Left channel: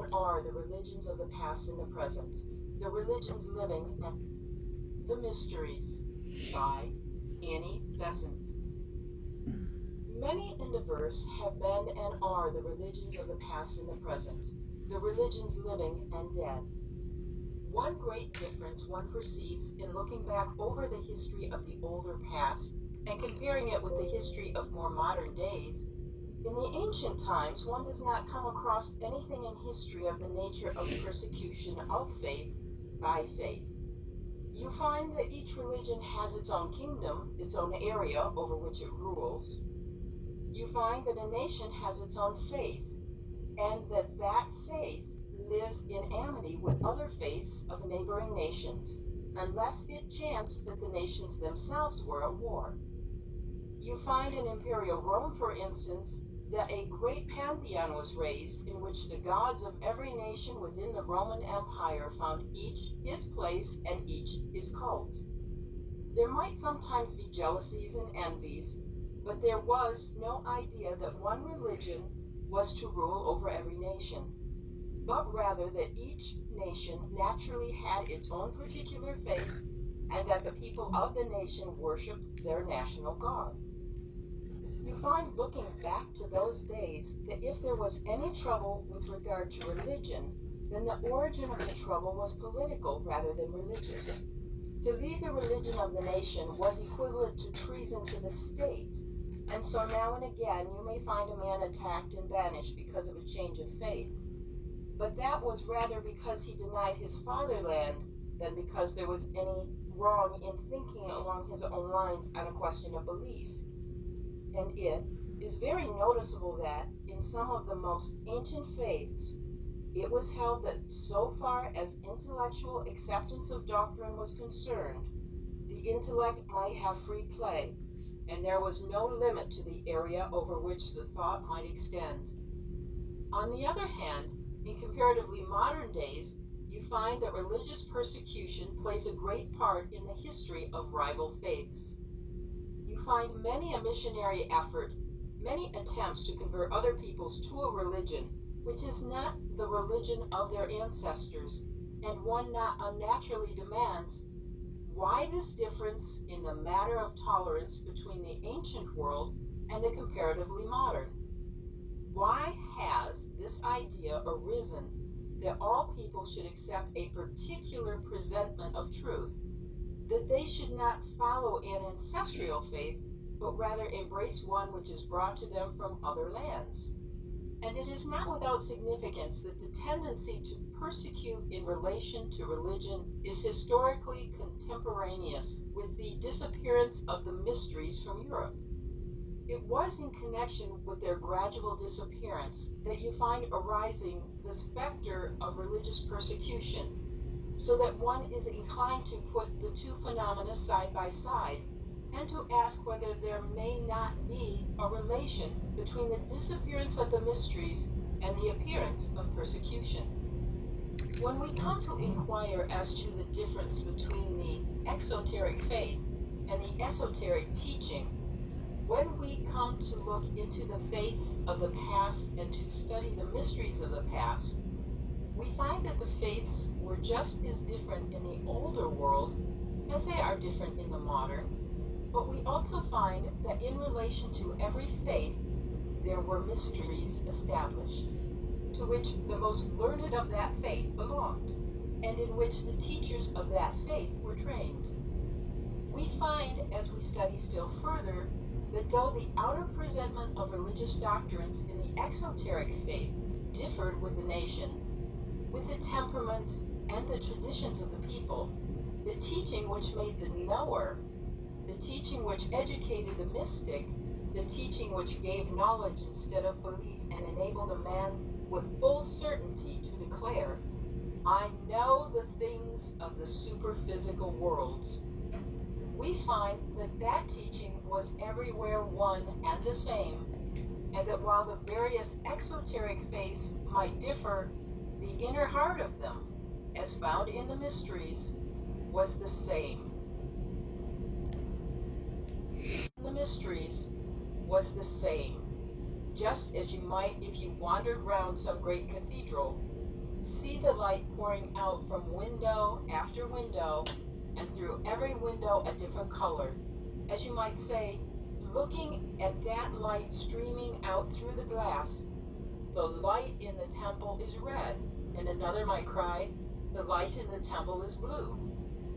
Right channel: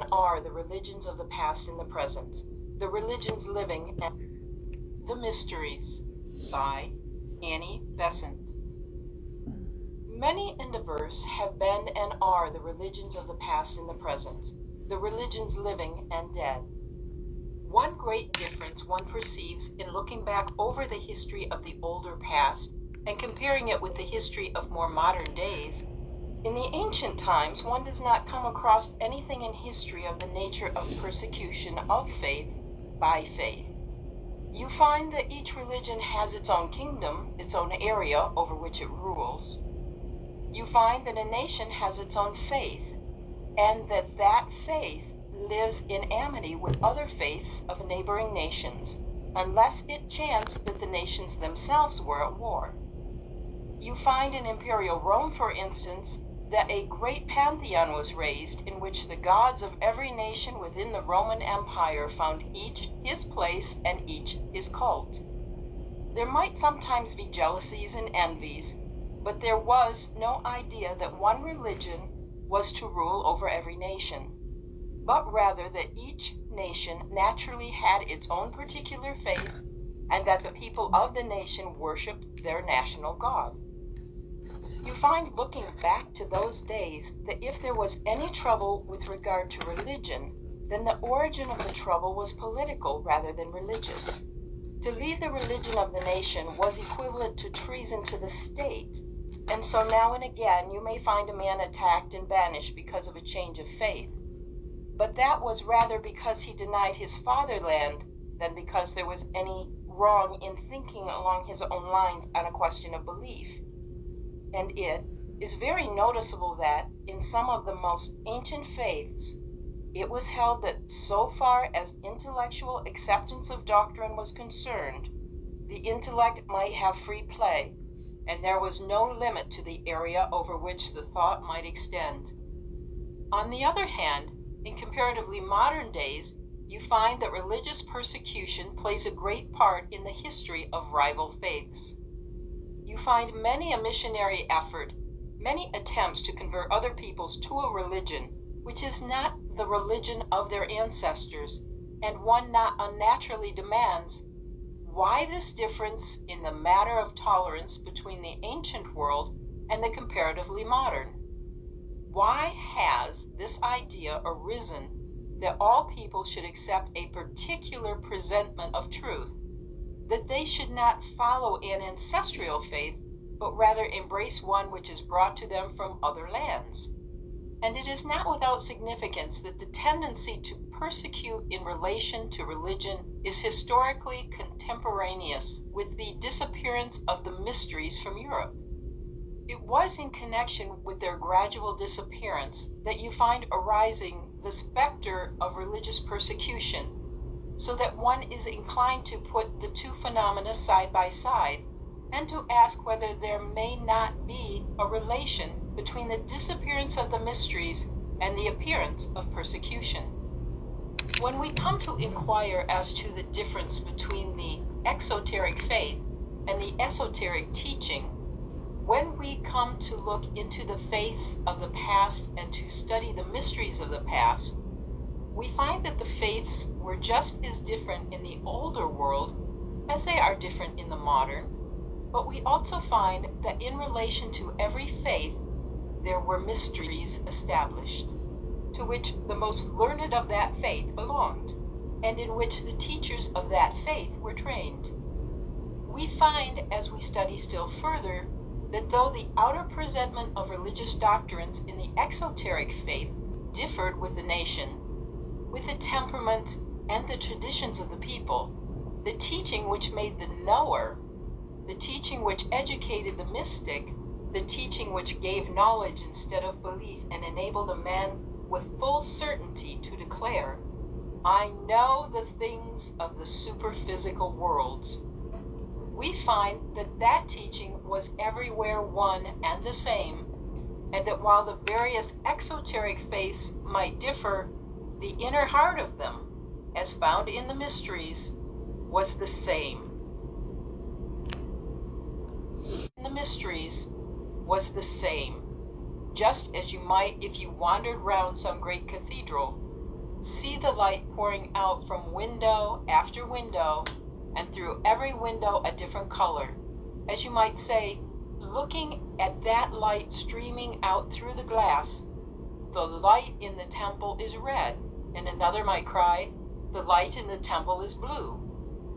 and are the religions of the past and the present, the religions living, and the mysteries, by Annie Besant. Many and diverse have been and are the religions of the past and the present, the religions living and dead. One great difference one perceives in looking back over the history of the older past and comparing it with the history of more modern days, in the ancient times one does not come across anything in history of the nature of persecution of faith by faith. You find that each religion has its own kingdom, its own area over which it rules. You find that a nation has its own faith, and that faith lives in amity with other faiths of neighboring nations, unless it chanced that the nations themselves were at war. You find in imperial Rome, for instance, that a great pantheon was raised in which the gods of every nation within the Roman Empire found each his place and each his cult. There might sometimes be jealousies and envies, but there was no idea that one religion was to rule over every nation, but rather that each nation naturally had its own particular faith, and that the people of the nation worshipped their national god. You find, looking back to those days, that if there was any trouble with regard to religion, then the origin of the trouble was political rather than religious. To leave the religion of the nation was equivalent to treason to the state, and so now and again you may find a man attacked and banished because of a change of faith. But that was rather because he denied his fatherland than because there was any wrong in thinking along his own lines on a question of belief. And it is very noticeable that in some of the most ancient faiths, it was held that so far as intellectual acceptance of doctrine was concerned, the intellect might have free play, and there was no limit to the area over which the thought might extend. On the other hand, in comparatively modern days, you find that religious persecution plays a great part in the history of rival faiths. You find many a missionary effort, many attempts to convert other peoples to a religion which is not the religion of their ancestors, and one not unnaturally demands, why this difference in the matter of tolerance between the ancient world and the comparatively modern? Why has this idea arisen that all people should accept a particular presentment of truth, that they should not follow an ancestral faith, but rather embrace one which is brought to them from other lands? And it is not without significance that the tendency to persecute in relation to religion is historically contemporaneous with the disappearance of the mysteries from Europe. It was in connection with their gradual disappearance that you find arising the specter of religious persecution, so that one is inclined to put the two phenomena side by side and to ask whether there may not be a relation between the disappearance of the mysteries and the appearance of persecution. When we come to inquire as to the difference between the exoteric faith and the esoteric teaching, when we come to look into the faiths of the past and to study the mysteries of the past, we find that the faiths were just as different in the older world as they are different in the modern, but we also find that in relation to every faith, there were mysteries established, to which the most learned of that faith belonged, and in which the teachers of that faith were trained. We find, as we study still further, that though the outer presentment of religious doctrines in the exoteric faith differed with the nation, with the temperament and the traditions of the people, the teaching which made the knower, the teaching which educated the mystic, the teaching which gave knowledge instead of belief and enabled a man with full certainty to declare, I know the things of the superphysical worlds. We find that that teaching was everywhere one and the same, and that while the various exoteric faiths might differ, the inner heart of them, as found in the mysteries, was the same. The mysteries was the same, just as you might if you wandered round some great cathedral, see the light pouring out from window after window, and through every window a different color. As you might say, looking at that light streaming out through the glass, the light in the temple is red, and another might cry, the light in the temple is blue.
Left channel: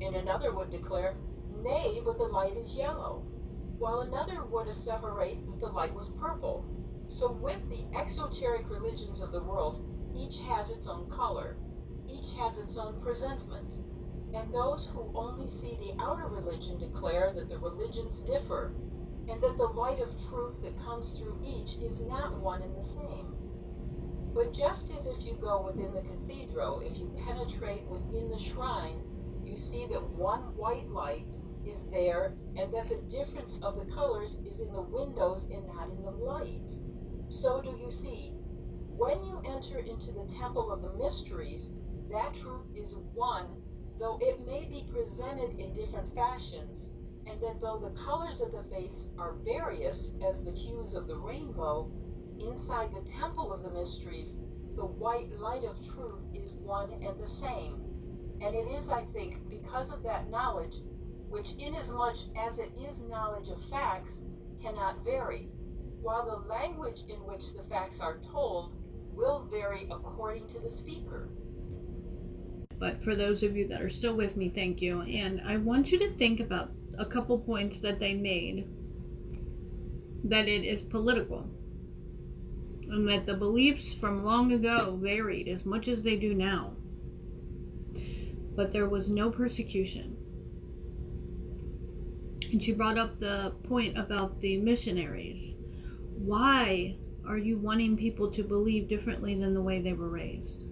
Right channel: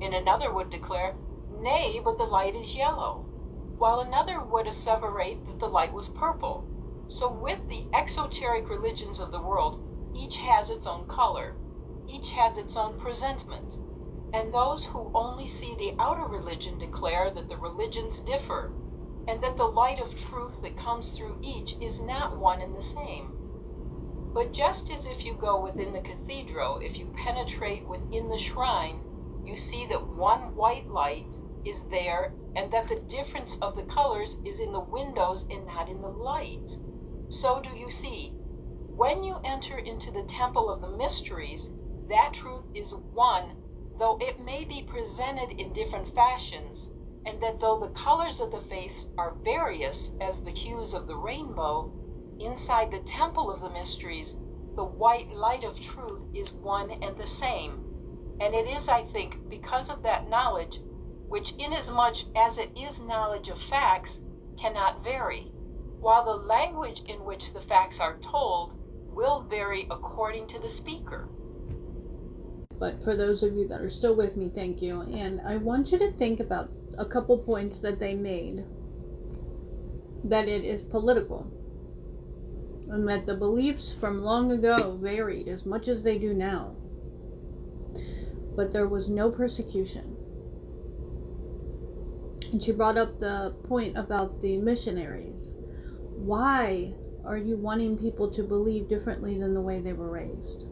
And another would declare, nay, but the light is yellow, while another would asseverate that the light was purple. So with the exoteric religions of the world, each has its own color, each has its own presentment. And those who only see the outer religion declare that the religions differ, and that the light of truth that comes through each is not one and the same. But just as if you go within the cathedral, if you penetrate within the shrine, you see that one white light is there, and that the difference of the colors is in the windows and not in the lights. So do you see, when you enter into the temple of the mysteries, that truth is one, though it may be presented in different fashions, and that though the colors of the face are various as the hues of the rainbow, inside the temple of the mysteries, the white light of truth is one and the same. And it is, I think, because of that knowledge, which inasmuch as it is knowledge of facts, cannot vary, while the language in which the facts are told will vary according to the speaker. But for those of you that are still with me, thank you. And I want you to think about a couple points that they made, that it is political, and that the beliefs from long ago varied as much as they do now. But there was no persecution. And she brought up the point about the missionaries. Why are you wanting people to believe differently than the way they were raised?